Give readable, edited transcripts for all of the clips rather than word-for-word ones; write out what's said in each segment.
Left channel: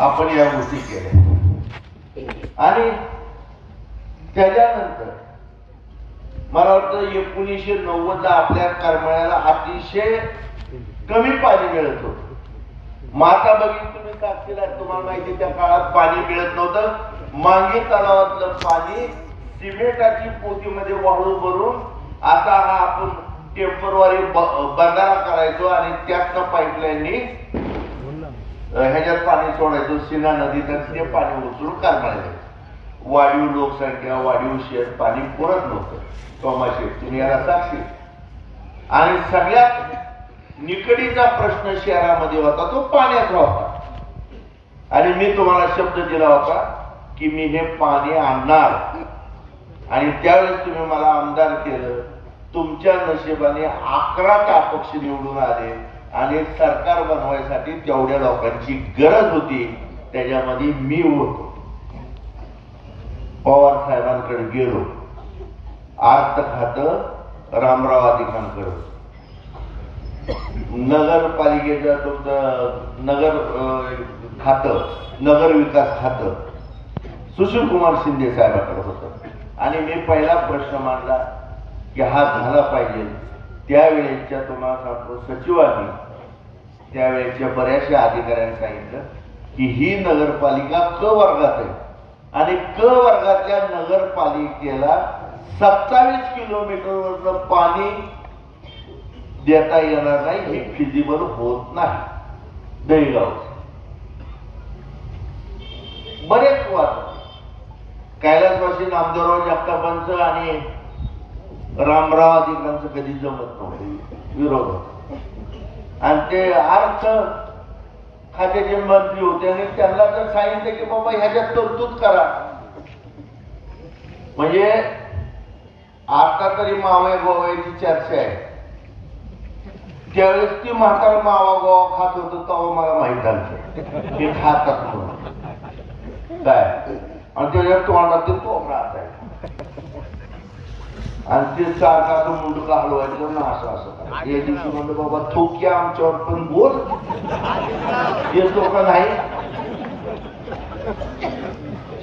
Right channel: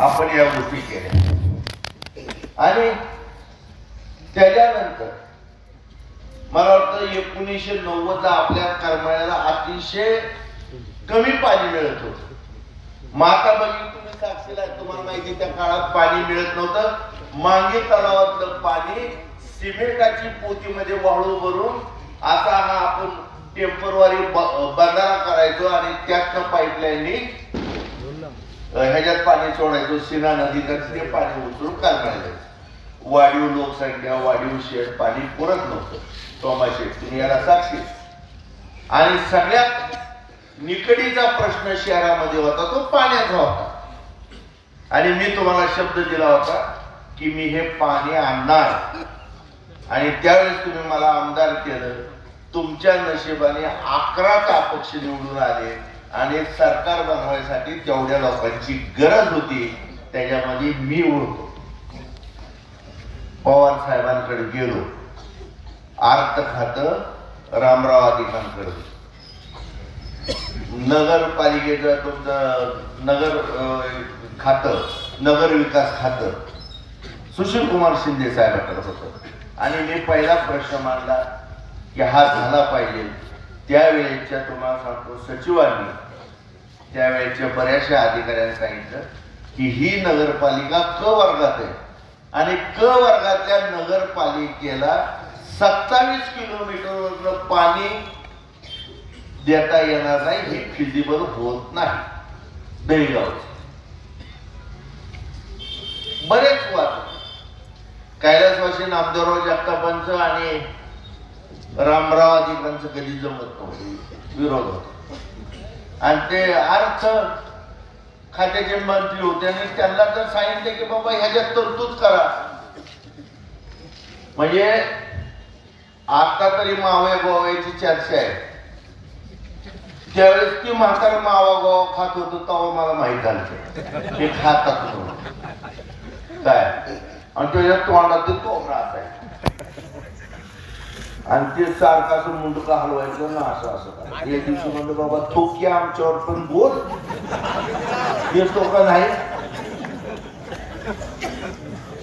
आपण या गोष्टी केल्या आणि त्याच्यानंतर मला वाटतं 1990 ला आपल्या करमाळ्याला अतिशय कमी पाणी मिळत होतं. माता बघितलं तुम्ही साक्षीला, तुम्हाला माहिती त्या काळात पाणी मिळत नव्हतं. मांगी तलावातलं पाणी सिमेंटाची पोतीमध्ये वाळू भरून असा हा आपण टेम्परवारी बंधारा करायचो आणि त्यातनं पाईपलाईननी ह्याच्यात पाणी सोडायचो. सीना नदीत ते पाणी उचलून करमाळ्याला जायचं. वाढीव लोकसंख्या, वाढीव शेत, पाणी पुरत नव्हतं. तोमाशे तुम्ही याला साक्षी. आणि सगळ्यात निकडीचा प्रश्न शहरामध्ये होता तो पाण्याचा होता. आणि मी तुम्हाला शब्द दिला होता की मी हे पाणी आणणार. आणि त्यावेळेस तुम्ही मला आमदार केलं. तुमच्या नशिबाने 11 अपक्ष निवडून आले आणि सरकार बनवायसाठी तेवढ्या लोकांची गरज होती. त्याच्यामध्ये मी होतो. पवार साहेबांकडे गेलो. अर्थ खातं रामराव अधिकांकडे, नगरपालिकेचं तुमचं नगर खातं, नगर विकास खातं सुशील कुमार शिंदे साहेबांकडे होतं. आणि मी पहिला प्रश्न मांडला की हा झाला पाहिजे. त्यावेळेच्या तुम्हाला सांगतो सचिवांनी त्यावेळेच्या बऱ्याचशा अधिकाऱ्यांनी सांगितलं की ही नगरपालिका क वर्गात आहे आणि क वर्गातल्या नगरपालिकेला 27 किलोमीटरवरनं पाणी देता येणार नाही. हे फिजिबल होत नाही. दहीगावचे बरेच वाद, कैलासवासी नामदेवराव जगतापांचं आणि रामराव अधिकांचं कधी जमत नव्हतं, विरोध होता. आणि ते अर्थ खात्याचे मंत्री होते आणि त्यांना जर सांगितलं की बाबा ह्याच्यात तरतूद करा, म्हणजे आता तरी मावया गोव्याची चर्चा आहे. त्यावेळेस ती म्हातारा मावा गोवा खात होतो तेव्हा मला माहित झालं ते खातात म्हणून काय. आणि त्याच्या तोंडात कोंबडा असायचा आणि ते सारखा असं मुंडका हलवायचं ना असं असं. एक दिवशी म्हणलं बाबा थोक्या आमच्यावर पण बोल देतो का नाही.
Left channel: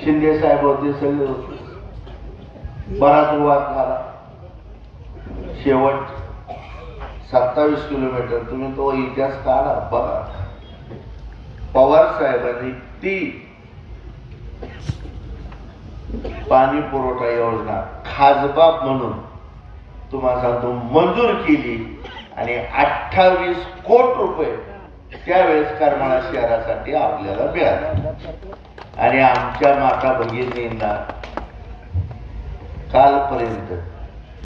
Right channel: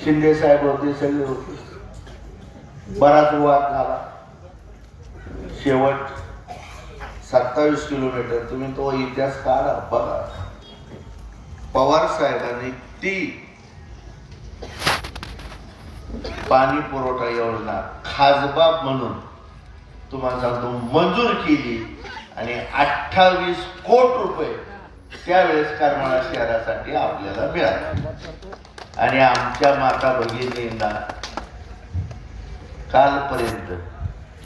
शिंदे साहेब होते, सगळे होते. बराच वाद झाला. शेवट 27 किलोमीटर तुम्ही तो इतिहास काढा बघा. पवार साहेबांनी ती पाणी पुरवठा योजना खासबाब म्हणून तुम्हाला सांगतो मंजूर केली आणि 28 कोटी रुपये त्यावेळेस करमाळा शहरासाठी आपल्याला मिळाले. आणि आमच्या माता भगिनींना कालपर्यंत